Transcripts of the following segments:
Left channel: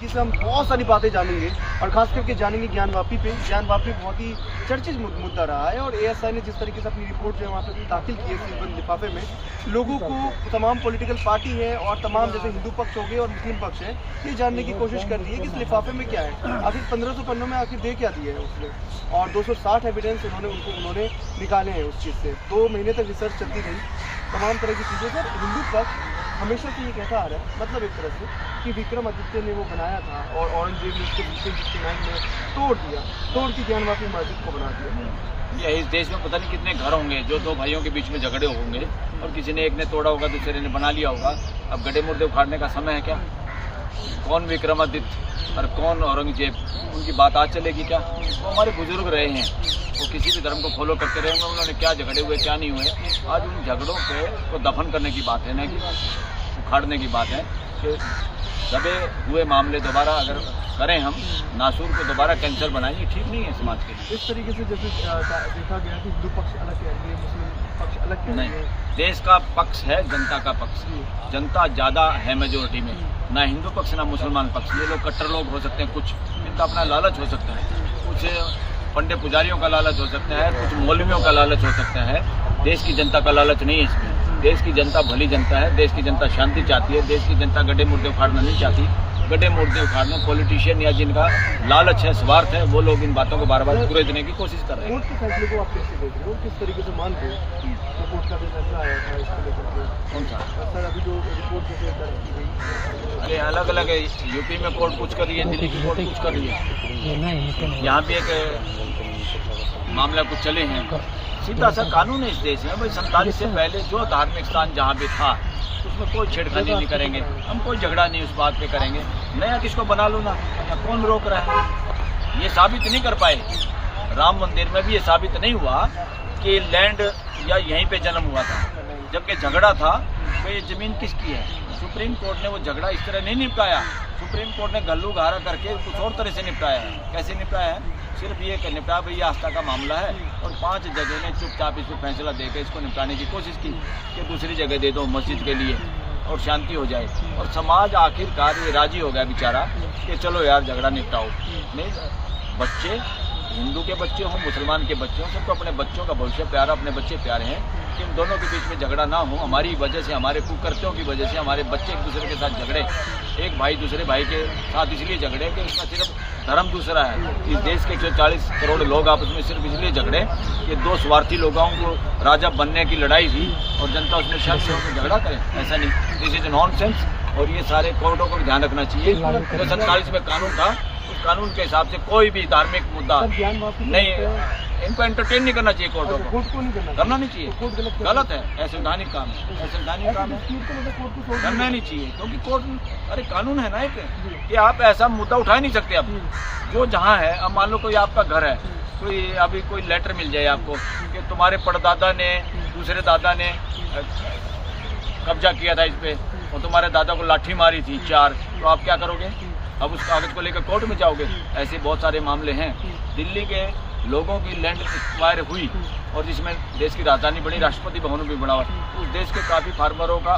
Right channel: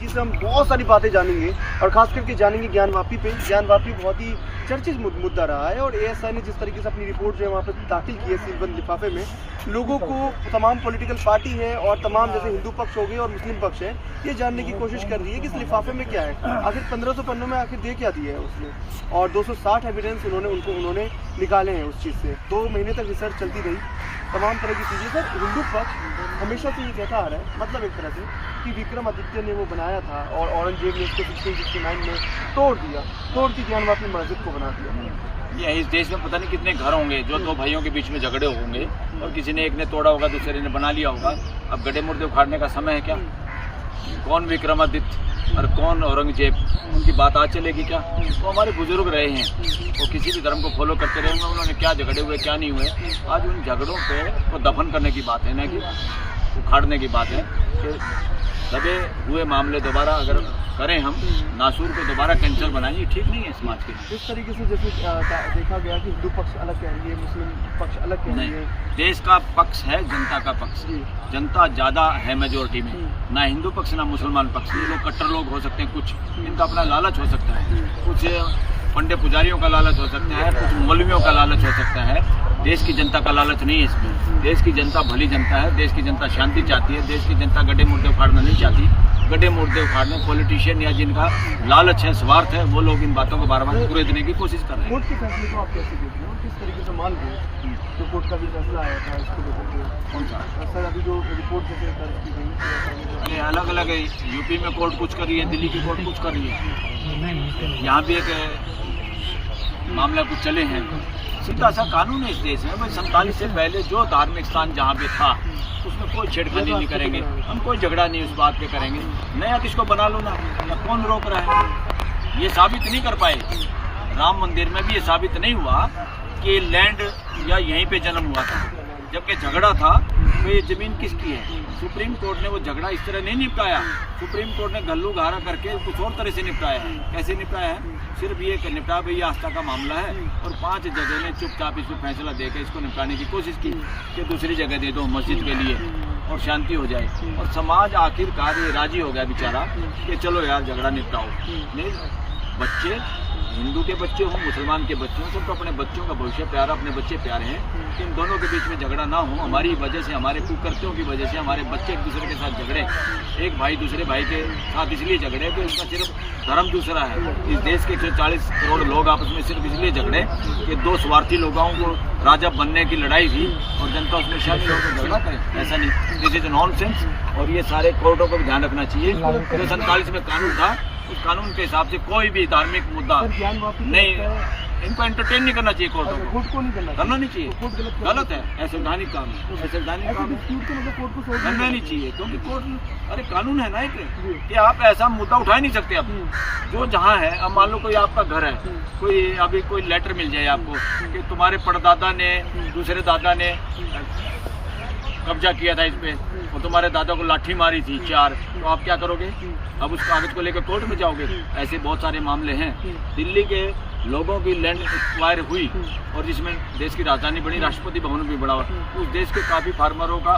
जिससे हम बहुत सारी बातें जानेंगे और खास करके जानेंगे ज्ञानवापी पे। ज्ञानवापी बहुत ही चर्चित मुद्दा रहा है और एएसआई ने जिस तरीके से अपनी रिपोर्ट जो है वहाँ पर दाखिल की है सीलबंद लिफाफे में, लोगों को तमाम पॉलिटिकल पार्टी है और तमाम जैसे हिंदू पक्ष हो गए और मुस्लिम पक्ष है, ये जानने की कोशिश कर रही है कि इस लिफाफे में क्या है, आखिर 1500 पन्नों में आखिर दे क्या दिया है उसने, और 260 एविडेंस उन्होंने निकाले हैं उस चीज़ से। 2 महीने तक रिसर्च चलती गई, तमाम तरह की चीज़ें। तो हिंदू पक्ष हमेशा से ये कहता आ रहा है, मतलब एक तरह से कि विक्रमादित्य ने वो बनाया था और औरंगजेब ने उसको 1669 में तोड़ के ज्ञानवापी मस्जिद को बना दिया। या इस देश में पता नहीं कितने घर होंगे जो 2 भाइयों के बीच में झगड़े होंगे और किसी ने एक ने तोड़ा होगा, दूसरे ने बना लिया होगा। अब गड्ढे मुर्दे उखाड़ने का समय है क्या? कौन विक्रमादित्य और कौन औरंगजेब, उनकी बात आज चलेगी क्या? वो हमारे बुजुर्ग रहे हैं, वो किसी भी धर्म को फॉलो करते रहे होंगे, उन्होंने क्या झगड़े हुए क्या नहीं हुए। आज उन झगड़ों को दफन करने की बात है, न कि उखाड़ने की बात है। कि दबे हुए मामले दोबारा अगर करें हम, नासूर को दोबारा कैंसर बनाएंगे, ठीक नहीं है समाज के लिए। इस तरीके से जैसे देखा गया कि हिंदू पक्ष अलग कह रही है, मुस्लिम पक्ष अलग कह रही है। देश का पक्ष है जनता का पक्ष, जनता ज़्यादा है मेजोरिटी में, ना हिंदू पक्ष ना मुसलमान पक्ष। ये लोग कट्टर लोग हो सकते हैं, कुछ इनका अपना लालच हो सकता है, कुछ पंडे पुजारियों का लालच हो सकता है, कुछ मौलवियों का लालच हो सकता है। देश की जनता का लालच नहीं है इसमें। देश की जनता भली जनता है, देश की जनता शांति चाहती है, देश की जनता गड्ढे मुर्दे उखाड़ना नहीं चाहती। गड्ढे मुर्दे उखाड़ने पॉलिटिशियन या जिनका लालच है, स्वार्थ है, वो लोग इन बातों को बार बार पूरे देने की कोशिश कर रहे हैं। कोर्ट के फैसले को आप कैसे देख रहे हो, किस तरीके से मान रहे हो? तो कोर्ट का भी फैसला आया था इसको लेकर कौन सा सर, अभी जो रिपोर्ट जैसे दर्ज की गई? अरे अलग अलग है, यूपी में कोर्ट कुछ कर रही है, दिल्ली की कोर्ट कुछ कर रही है, यहाँ भी एक मामला कुछ चले हैं। सीधा सा कानून है इस देश में भाई। 47 से पहले जो धार्मिक स्थान जहाँ पे था उसमें कोई छेड़खानी नहीं करेंगे हम, कोई झगड़ा नहीं उस बात पे करेंगे। नया किसको बना लो ना, कौन रोक रहा है? ये साबित नहीं कर पाए। राम मंदिर में भी ये साबित नहीं हुआ कि लैंड या यहीं पे जन्म हुआ था, जबकि झगड़ा था तो ये ज़मीन किसकी है। सुप्रीम कोर्ट ने वो झगड़ा इस तरह नहीं निपटाया। सुप्रीम कोर्ट ने गल्लू गारा करके कुछ और तरह से निपटाया है। कैसे निपटाया है? सिर्फ ये निपटा भाई आस्था का मामला है और 5 जजों ने चुपचाप इस पर फैसला देकर इसको निपटाने की कोशिश की कि दूसरी जगह दे दो मस्जिद के लिए और शांति हो जाए। और समाज आखिरकार ये राजी हो गया बेचारा कि चलो यार झगड़ा निपटाओ। नहीं, बच्चे हिंदू के बच्चे हों मुसलमान के बच्चे हों, सबको अपने बच्चों का भविष्य प्यारा, अपने बच्चे प्यारे हैं। इन दोनों के बीच में झगड़ा ना हो। हमारी वजह से, हमारे कुकर्त्यों की वजह से हमारे बच्चे एक दूसरे के साथ झगड़े, एक भाई दूसरे भाई के साथ इसलिए झगड़े कि इसमें सिर्फ धर्म दूसरा है। इस देश के 40 करोड़ लोग आपस में सिर्फ इसलिए झगड़े कि 2 स्वार्थी लोगों को राजा बनने की लड़ाई थी और जनता उसमें शामिल होकर झगड़ा करें। ऐसा नहीं, दिस इज नॉनसेंस। और ये सारे कोर्टों को भी ध्यान रखना चाहिए। जो 47 में कानून था उस कानून के हिसाब से कोई भी धार्मिक मुद्दा नहीं, इनको एंटरटेन नहीं करना चाहिए। कोर्टों को करना नहीं चाहिए, गलत है, असंवैधानिक काम है, असंवैधानिक काम करना नहीं चाहिए। क्योंकि कोर्ट, अरे कानून है ना एक, कि आप ऐसा मुद्दा उठा नहीं सकते। अब जो जहाँ है, अब मान लो कोई आपका घर है, कोई अभी कोई लेटर मिल जाए आपको कि तुम्हारे परदादा ने, दूसरे दादा ने कब्जा किया था इस पे और तुम्हारे दादा को लाठी मारी थी 4, तो आप क्या करोगे? अब उस कागज को लेकर कोर्ट में जाओगे। ऐसे बहुत सारे मामले हैं। दिल्ली के लोगों की लैंड एक्वायर हुई और जिसमें देश की राजधानी बनी, राष्ट्रपति भवन भी बना हुआ, उस देश के काफ़ी फार्मरों का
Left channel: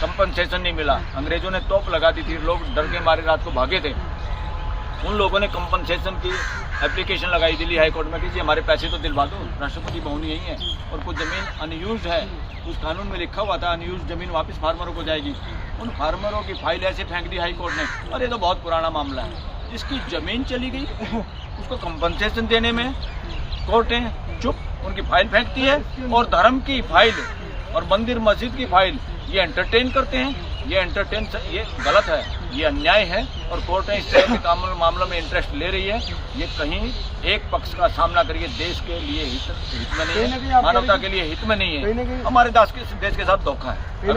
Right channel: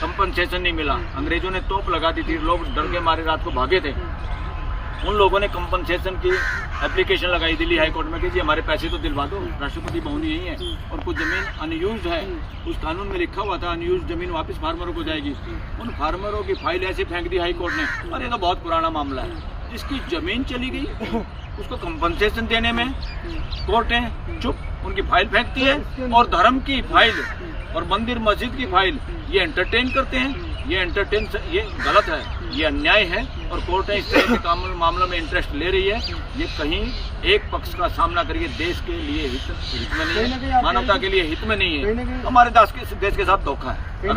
कंपनसेशन नहीं मिला। अंग्रेजों ने तोप लगा दी थी, लोग डर के मारे रात को भागे थे। उन लोगों ने कंपनसेशन की एप्लीकेशन लगाई दिल्ली हाई कोर्ट में कि जी हमारे पैसे तो दिलवा दो, राष्ट्रपति भवन यही है और कुछ ज़मीन अनयूज्ड है। उस कानून में लिखा हुआ था अनयूज्ड ज़मीन वापस फार्मरों को जाएगी। उन फार्मरों की फाइल ऐसे फेंक दी हाई कोर्ट ने, और ये तो बहुत पुराना मामला है। जिसकी ज़मीन चली गई उसको कंपनसेशन देने में कोर्टें चुप, उनकी फाइल फेंकती है। और धर्म की फाइल और मंदिर मस्जिद की फाइल ये एंटरटेन करते हैं। ये गलत है, ये अन्याय है और कोर्टें इस तरह के मामलों में इंटरेस्ट ले रही है। ये कहीं एक पक्ष का सामना करिए, देश के लिए हित में नहीं है, मानवता के लिए हित में नहीं है, हमारे देश के साथ धोखा है।